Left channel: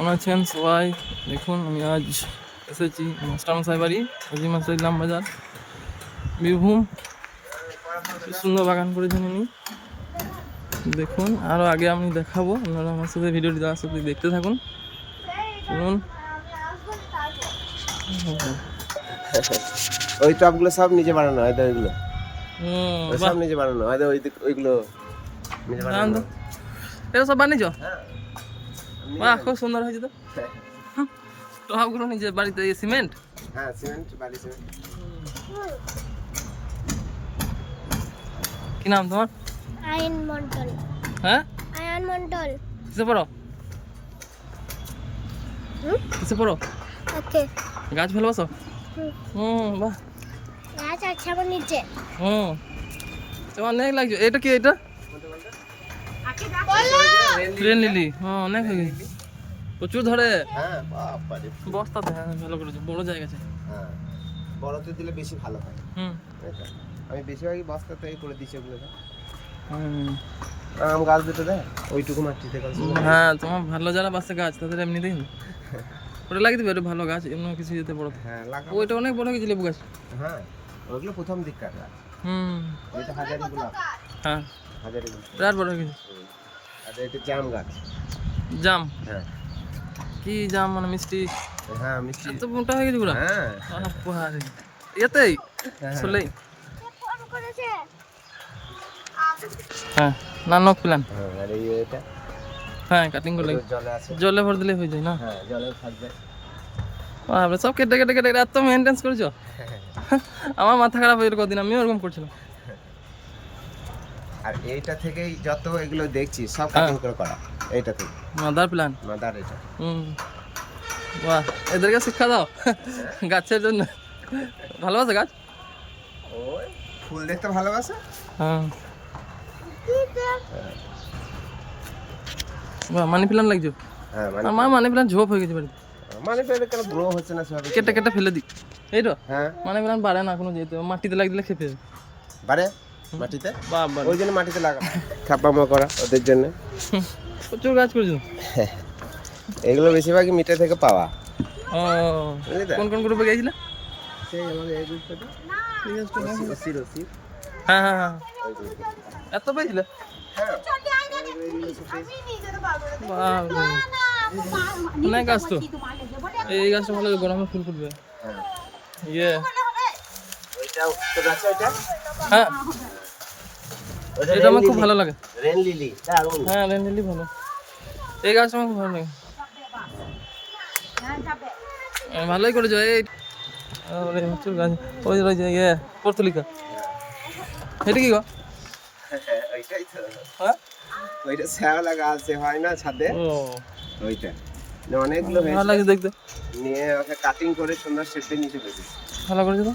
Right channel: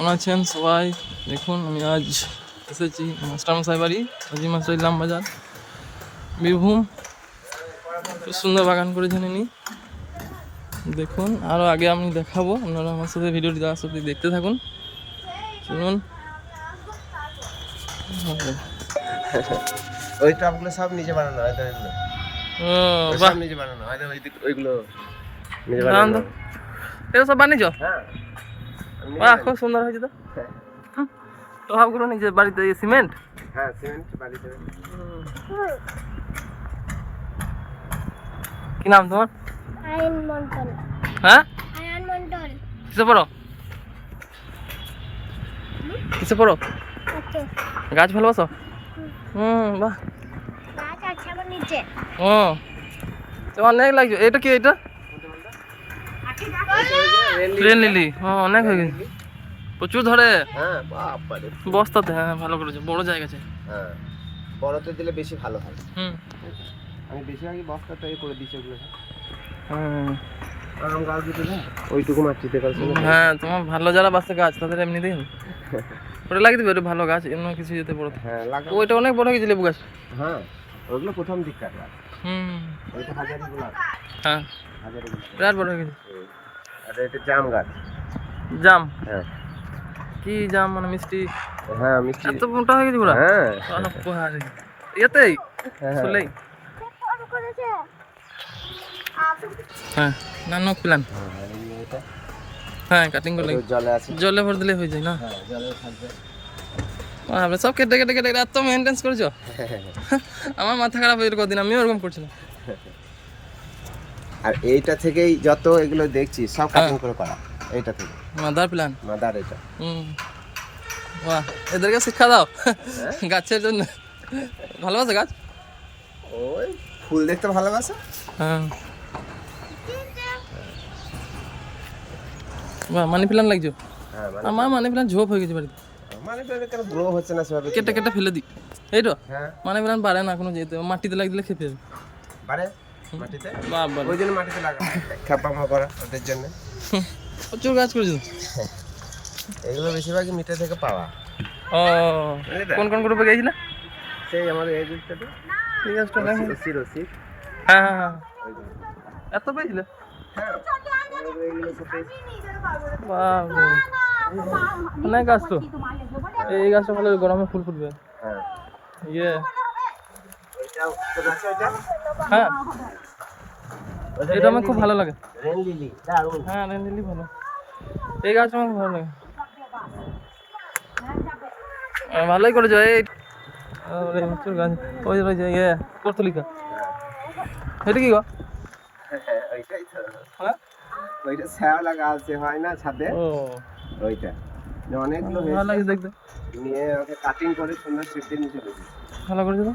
কেমন আছেন সবাই? দেখুন আমি আজ এসেছি মাস্টারমশাই বাড়ি আজি মাস্টার ইলাম বাজার বীরভূম। খুব সুন্দর বাগান করেছেন ইনি। দেখুন আরও আগে আমি দেখাবো আপনারা আমার সাথে ভিডিওটি দেওয়ার সাথে দেখতে থাকুন। শুনুন ওই টপগুলো সব নিজে বানানো হয়তো ওইগুলো। সব নিজে বানানো হয় ওই ওইগুলো নিজে বানানো। এটা সব বানিয়েছ? হ্যাঁ। বাহ খুব সুন্দর হয়েছে তো। হুম, তো সবগুলো নিজে বাড়িতে সিমেন্ট? হ্যাঁ সিমেন্ট কি নাম তোমার? আয়ন মন্ডল। হ্যাঁ? আয়ন মন্ডল। কিসে পড়ো? কিসে পড়ো? ওকে। গাছ ভালোবাসো? হুম। হুম বাহ। গাছ আছে আমার নিচে। হুম। তো অনেক লাগছে। এটা কি এটা? ট্রেন লিলি হ্যাঁ অনেক হয়ে গেছে। প্রচুর ধরে। হ্যাঁ বাবারে বস্তাতে হ্যাঁ ভালো করেছে বড় জায়গা আছে। হ্যাঁ বড়তে দিলে বেশি ভালো হয়। হুম? আমি বেশিরভাগই বস্তাতে করে দিচ্ছি ওগুলো হুম। আম গাছ দিতে দেয়? ওইটুকু মাটিতে গাছ হ্যাঁ তোমার ভালো যারা বাসে গাছ তাদের এমনিতেই হবে। ওটা লাগিয়ে দিবে ওটা ভালো গাছ এমন কিছু যেতে বড় হ্যাঁ ওইটা অনেক বড় হয়ে গেছে লেবু গাছ। হ্যাঁ ওগুলো প্রথম দিককার গাছ। হুম। এটা হাজারি গোলাপ। হ্যাঁ। হাজারি গোলাপ। বিরাট বড় হয়ে গেছে। আর এটা জাম গাছ। জাম? হ্যাঁ। কি জাম মানে মিষ্টি? হ্যাঁ মিষ্টি। এত মোটা হয়ে গেছে পুরা? হ্যাঁ। হ্যাঁ। হ্যাঁ। প্ল্যান হ্যাঁ। আর এই এটা। হ্যাঁ কাটিং করে লাগি জলে ভর দিলে হয়ে যায় না? হ্যাঁ জলে থাকবে। বাবারে, সব কেটে কেটে কেটে এত মেনটেন্স করেছ? আমার মাথা খারাপ হয়ে কদিন আমিও ওরকম করছিলাম। আর এইটা থেকেই যত এগুলো দেখছি সব কাটিং করে করা। এইটা থেকে। মাদার প্ল্যান মাদার এটা। হুম। বাহ এদেরকে শিক্ষা দাও গাছের জন্য। ভালোবাসে গাছ? ওই ফুল দেখতে ভালোবাসে? হ্যাঁ। বাহ মানি প্ল্যান লাগছো? হ্যাঁ আমার মানি প্ল্যান ঝোপ হয়ে গেছে বাড়িতে। মানে এটা কেন গ্রো হচ্ছে না সেভাবে? কেটে কেটে ফেলে দিই। এই তো? হ্যাঁ। মানি প্ল্যান বাড়ে না কোনো যেতে। মাটিতে লাগিয়ে দিলে খেপে যাবে। বারে মাটিতে? ওই জন্য মাটিতে লাগা খাপামা করা ওদের জন্য। প্রচুর গাছ করেছ এগুলো বেশিরভাগই থেকে পাওয়া। ও কোন কোন গ্রুপে গেছিলে সেই আমাদের এই গ্রুপটাতে ঠিক আছে দেখো। রসি রসি হ্যাঁ হ্যাঁ হ্যাঁ। এত পেয়েছিলে? অনেক গাছ তো। এই গাছটা ভালো গরমে ফুল ফুটবে। হ্যাঁ। ইয়ে ওইটা কোথায় আছে ওইটা হ্যাঁ। এটা আমার খুব ভালো লাগে। রেন লিলি হ্যাঁ ভালো। এই গাছ আমার ভালো লাগে। ভালোই করেছ এই। প্রচুর গাছ। ওই রয়েছে ইয়ে পর্তুলিকা। এটা কি গো? হ্যাঁ? ওইটা শ্যাওলা গাছ যে হয় না ছাদে ও। ওইটা। অনেকগুলো ভালো হয়েছে। লাগে দেখতে। নিয়ে ওকে কাটিং করে সুন্দর শেপে নিচে ভালো করেছ তো?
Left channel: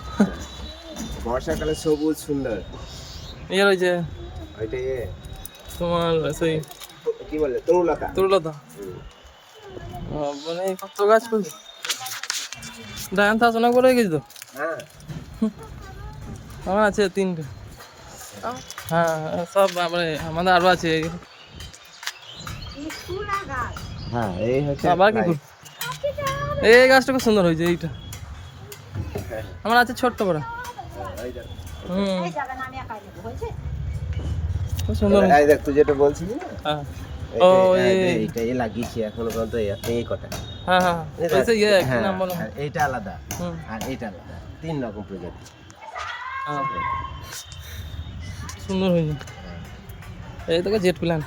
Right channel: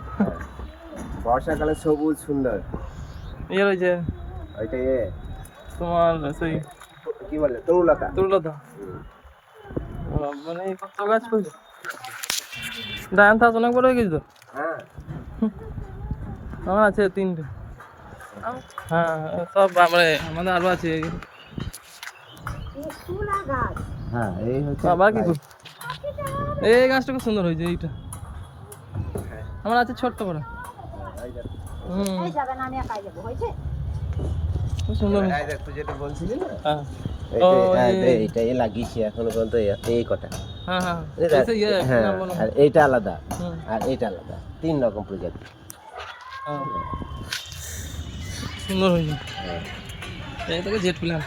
বর্ষাকালে সবুজ সুন্দর। ইয়ে রয়েছে ওইটা ইয়ে তোমার সেই কি বলে? তরুলতা। তরুলতা। মানে কত গাছ করেছ ডায়ান থাস অনেক বড় হয়ে গেছে তো? হ্যাঁ। আমার আছে তিনটে। হ্যাঁ সব মানে আমাদের আরও আছে। হ্যাঁ এই হচ্ছে আবার কি এই গাছটা খুব সুন্দর হয়েছে এইটা। আমার আছে ছোট্ট করে। হুম। খুব সুন্দর এই দেখ তুই যেটা বলছিলি না? হ্যাঁ। ও, এই- এই- এইটা এই লাগিয়েছি এখনও পর্যন্ত এই- এই কটা। হ্যাঁ হ্যাঁ। এই দেখ, ওই যে কি নাম বলো। আর এইটা আলাদা। আর এইটা আলাদা। তিন রকম প্রজাতি। সুন্দর হয়েছে। এই তোকে জেট প্ল্যান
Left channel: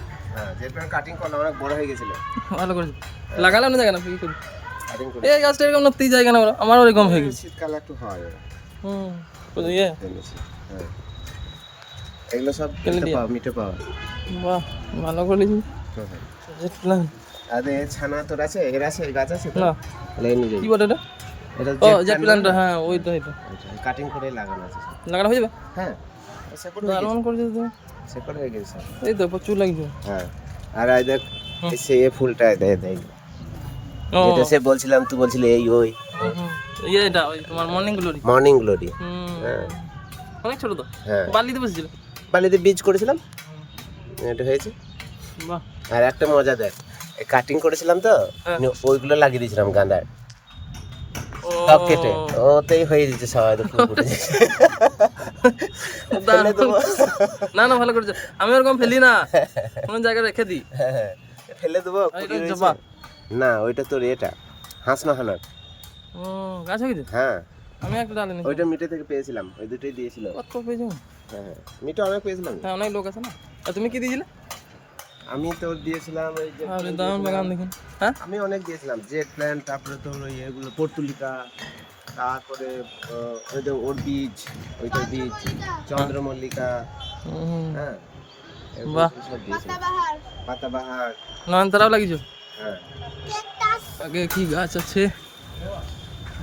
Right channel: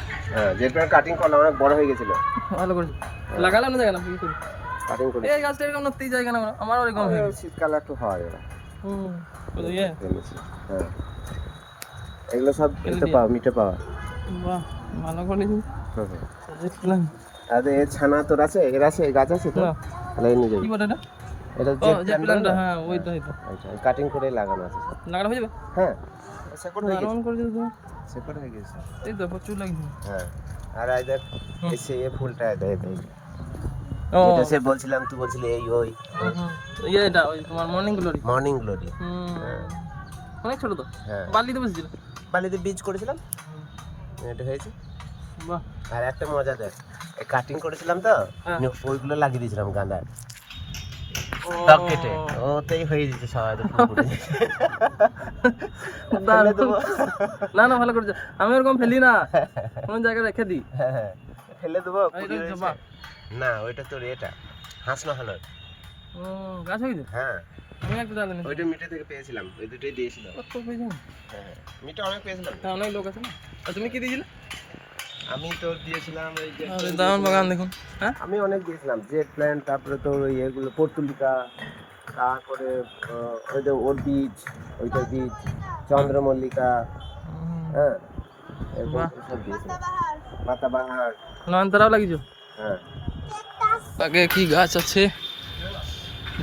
যেটা কাটিং করলাম অনেক বড় গেছিল। ভালো করেছে। লাগালাম না জায়গা না কি করি? এই গাছটা এরকম না জায়গা না ওরা, আমারও এরকম হয়ে গেছে। শীতকালে একটু হয়। হুম ওই ইয়ে। হ্যাঁ। এগুলো সব মিটে পাওয়া মিটে পাওয়া। বাহ ভালো করেছি প্ল্যান আর ছানা তোর আছে? এর আছে? গাছ আছে তো তাহলে নিয়ে যাবি কি বলে এটা? এটা জেট প্ল্যানটা? হ্যাঁ ওইটা ওইটা কাটিং করে লাগানো আছে সব। লাগানো হয়ে যাবে? হ্যাঁ। সেকট হয়ে গেছে। দারুণ করেছে তুমি সেকট হয়ে গেছে। এই তো প্রচুর লাগছে। হ্যাঁ। আর এই দেখ এই সে ফুলটা দেয় দেয় যেটা সে বলছিলাম তুই বলছিলি এই ওই। ইয়ে এটা ওই তোমার মর্নিং গ্লোরি মর্নিং গ্লোরি হ্যাঁ। অনেক ছোট তো। হ্যাঁ। বালিতে বসেছিল বালিতে বীজ করেছিলাম। এটা হয়েছে। বাহ। আর একটা মজা দেখ কাটিং করেছিলাম তো হ্যাঁ। ওইগুলো লাগিয়ে দিয়েছিলাম গাঁদার। কেটে। ওতেই হয়ে যেতে সবাই। না না ভালো করেছ। আমি ওরকম ফেলি না। কোনো জায়গায় রেখে দিই। হ্যাঁ, ফেলে দেবো না ওইটা তোর এটা হাঁস নহানোর ও গাছ হয়ে হ্যাঁ। আমি একটা ডালে নিই ওইটা মিটে থেকে পেয়েছিলাম ওই দুটোই দিয়েছিল। কত পেয়েছ? হ্যাঁ মিটে অনেক পেয়েছিলাম। হ্যাঁ অনেক লোক আছে না? আর তুমি কি দিয়েছিলে? আমি তোর দিয়েছিলাম এই যে আরে দারুণ বাগান দেখুন। হ্যাঁ? আমি অনেক দিয়েছিলাম জেট প্ল্যান্ট তারপরে তোর ইয়েগুলো পর্তুলিকা তারপরে ওই যে ওর বীজ ওইটার বীজ চন্দ্রমল্লিকা হ্যাঁ। বাহ। পাতাবাহার। নয়নতারাও লাগিয়েছো? হ্যাঁ। আগে কি গাছ আছে?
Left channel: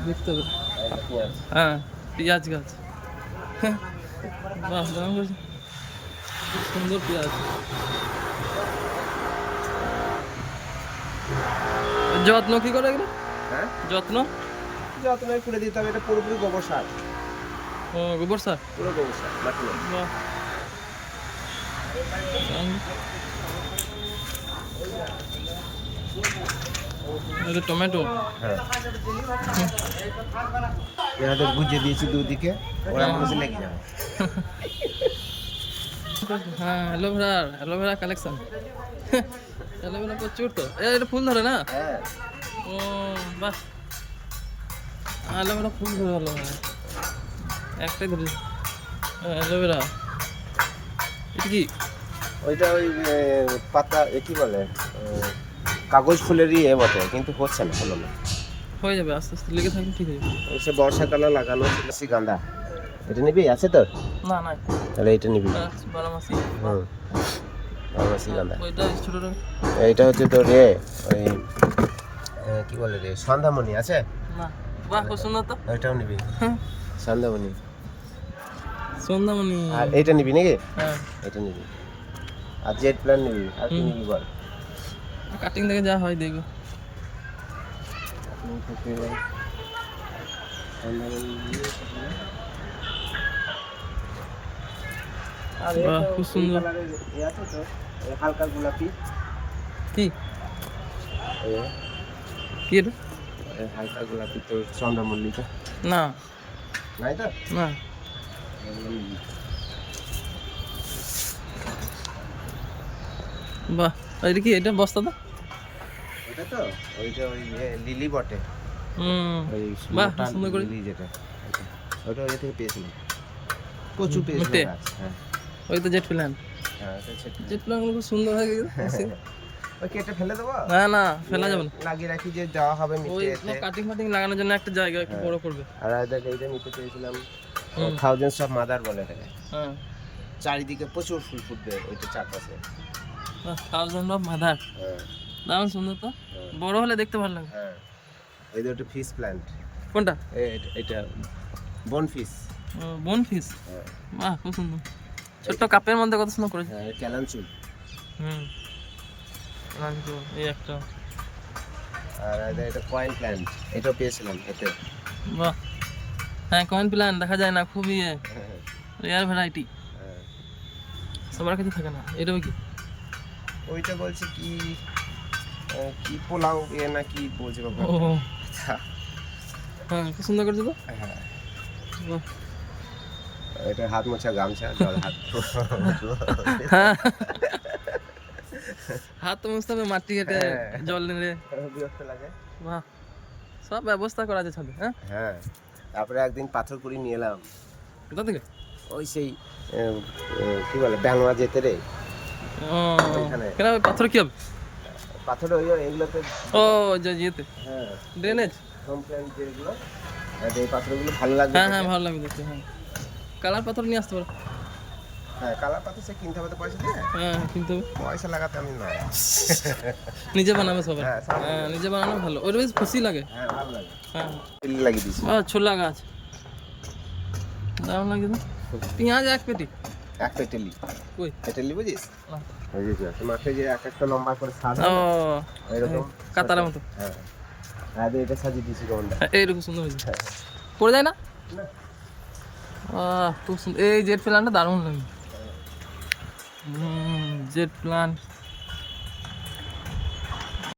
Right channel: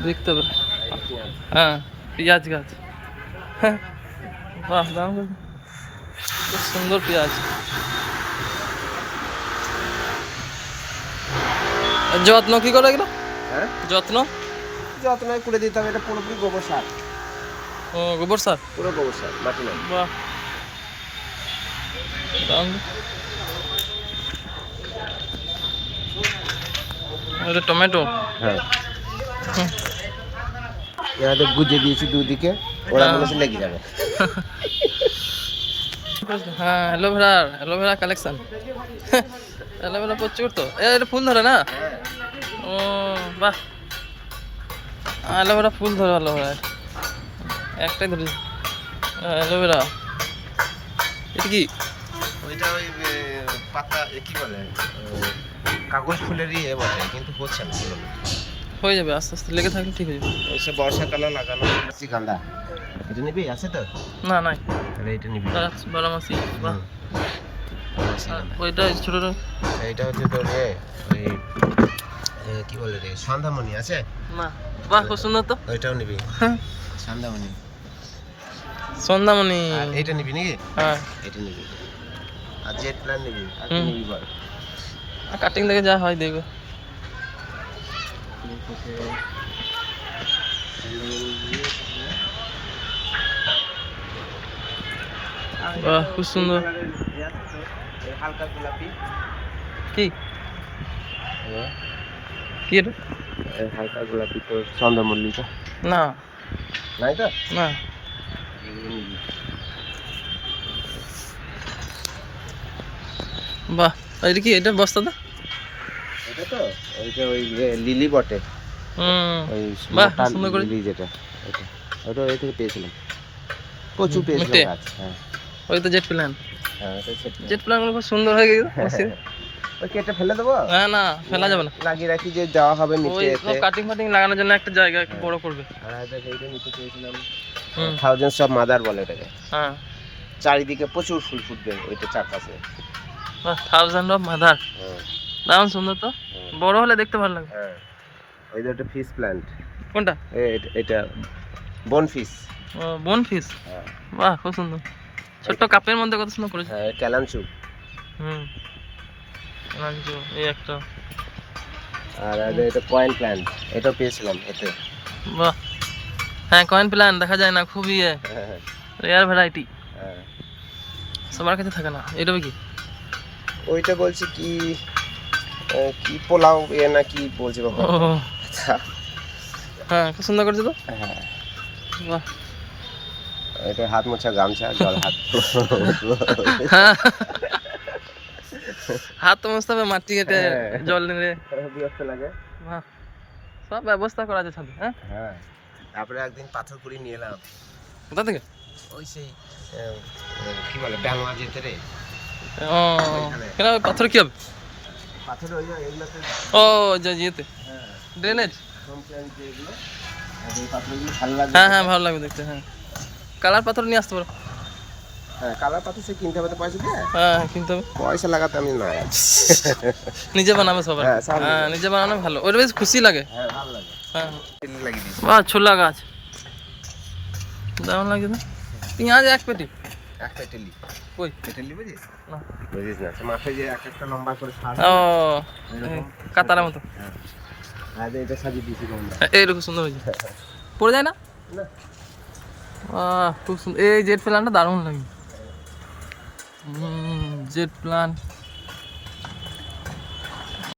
দেখতে হবে। হ্যাঁ পেঁয়াজ গাছ। হ্যাঁ বাহ দাম সুন্দর পেঁয়াজ। যত্ন কি করে এগুলো? হ্যাঁ? যত্ন? যত্ন করে দিতে হবে এটা পুরোপুরি গোবর সার। ও গোবর সার? পুরো গোবর সার। বাহ। এটা টমেটো। হ্যাঁ। এবার গুজে দিয়েছি দুদিকে ওরা হ্যাঁ। বলেছে লেগে যাবে। হ্যাঁ অ্যালোভেরা অ্যালোভেরা কালেকশন অ্যালোভেরা প্রচুর তো। এটা ফুল ধরে না? হ্যাঁ। ও বাহ। অ্যালোভেরা ফুল ধরে অ্যালোভেরা একটাই ধরে। অ্যালোভেরা এটা কি? ওইটা ওই পাতা কি বলে? কাগজ ফুলেরই এ বটে কিন্তু হচ্ছে না ভালো না হয়ে যাবে আস্তে আস্তে লেগে থাকলে ঠিক হয়ে যাবে। এসে বর্ষাকালে লাগানো। বেশি গাঁদা এটা নিবি? আছে তো না নাই। তাহলে এটা নিবি। বারোমাসি গাঁদা। ওইটা ছোটটা। এইটা হচ্ছে তোর এ ওই কি বলে রে সন্ধ্যামণি আছে? না বাহ খুব সুন্দর তো। ওইটাও নিবি। হ্যাঁ। সন্ধ্যামণি। সন্ধ্যামণি। এইটা নিবি নাকি? হ্যাঁ। এটা নিবি। আর জেট প্ল্যান নিবি আর নিবি বল? কাটিং থেকে যা হয় দেখবে। বাহ, খুব সুন্দর। হালকা গোলাপি কি? কি এটা? হালকা গোলাপি তো চন্দ্রমল্লিকা না। নাই তো না। বাহ। আর এটা কি এটা বস্তাটা? এটা তো ওই যে লিলি বটে। হুম। ওই বাহ, সুন্দর করে। লিলি যেটা ওটা ওই থেকে পেয়েছিলাম? পেয়েছিলাম হ্যাঁ। ওই তো জেট প্ল্যান। হ্যাঁ ছোট। খুব সুন্দর হয়ে গেছে মসজিদ। ওই কেটে ফেলে দেবো? না না ফেলা যাবে না। লাগিয়ে রাখি যে দেওয়া হবে ওই সব কাটিং ফাটিং লাগানোর জন্য একটা জায়গা একটু হ্যাঁ। বড় করবে। আর দেখ এইটা নিতে পেয়েছিলাম। হুম। থাউজেন্ডস অফ মাদার বলে এটাকে। হ্যাঁ। চারিদিকে প্রচুর ফুল ফুটবে ওইটা চারপাশে। বাহ থাউজেন্ড অফ মাদার দারুণ সুন্দর তো? হ্যাঁ, বড় হলে দেখতে ভালো লাগবে। হ্যাঁ। এই যে একটা ফিশ প্ল্যান্ট কোনটা? এটা বন ফিশ বন হ্যাঁ। বাহ খুব সুন্দর। ছোট্ট কাপের মধ্যে কত সুন্দর করেছে। হ্যাঁ ক্যালানচু হুম। লাঞ্চো এই একটা। আর এটা পয়েন্ট প্ল্যান্ট এটাও পেয়েছিলাম এতে। বাহ। হ্যাঁ কয়েন প্ল্যান দেখা যায় না খুবই রেয়ার ভ্যারাইটি হ্যাঁ। সবার কাছে থাকে না। এটা কি? ওইটা বলছি কি কি পোলাও এ না কি বলছে বাবা? হ্যাঁ খুব সুন্দর করেছে তো হ্যাঁ। বাহ। এটা হাত মোছা গামছা জল হাত। হ্যাঁ। হাত তো মুছতে হবে মাটি কেটে হ্যাঁ। জল নিলে। বিরক্ত লাগে। বাহ। সব ব্যবস্থা করা আছে ছাদে হ্যাঁ? হ্যাঁ। তারপরে একদিন পাথর কুড়ি নিয়ে এলাম। কোথা থেকে? ওই সেই কি বলে ডাঙ্গা যেতে রে? ও। কেন পাথর কি হবে? পাথর ওই এইগুলোতে ও যে ইয়েতে। হ্যাঁ। ড্রেনেজ হোম প্ল্যান্ট যেগুলো এই পাথরগুলো ভালো লাগবে হ্যাঁ হ্যাঁ ভালো লাগবে দেখতে হ্যাঁ। কালার পাথর নিয়ে আসতে পারো। হ্যাঁ কালার পাথর সে কিনতে হবে তো পয়সা দিয়ে। হ্যাঁ কিনতে হবে। পয়সা লাগাতে আমি নয়। নিজে বানাবে সবার হ্যাঁ, হ্যাঁ নিজে বানানো ভালো। ওটা বেশ খুশি লাগে। হ্যাঁ ভালো লাগে। হ্যাঁ। লাগিয়ে দিয়েছি। বাহ ছোলা গাছ। লাগছে তো পেঁয়াজ এক পেটি। এক পেটেলি। কই? পেটেলি বুঝিস? না। বুঝিস না মাঠে যে এক একটা লম্বা করে সাজ ও কাতার মতো। হ্যাঁ। আর এটা সাজি দিছি কোনটা হ্যাঁ, এইরকম সুন্দর হয়েছে। পড়ে যায় না? না। আহ খুব সুন্দর। এই জেট প্ল্যানটা দারুণ লাগে। হুম জেট প্ল্যান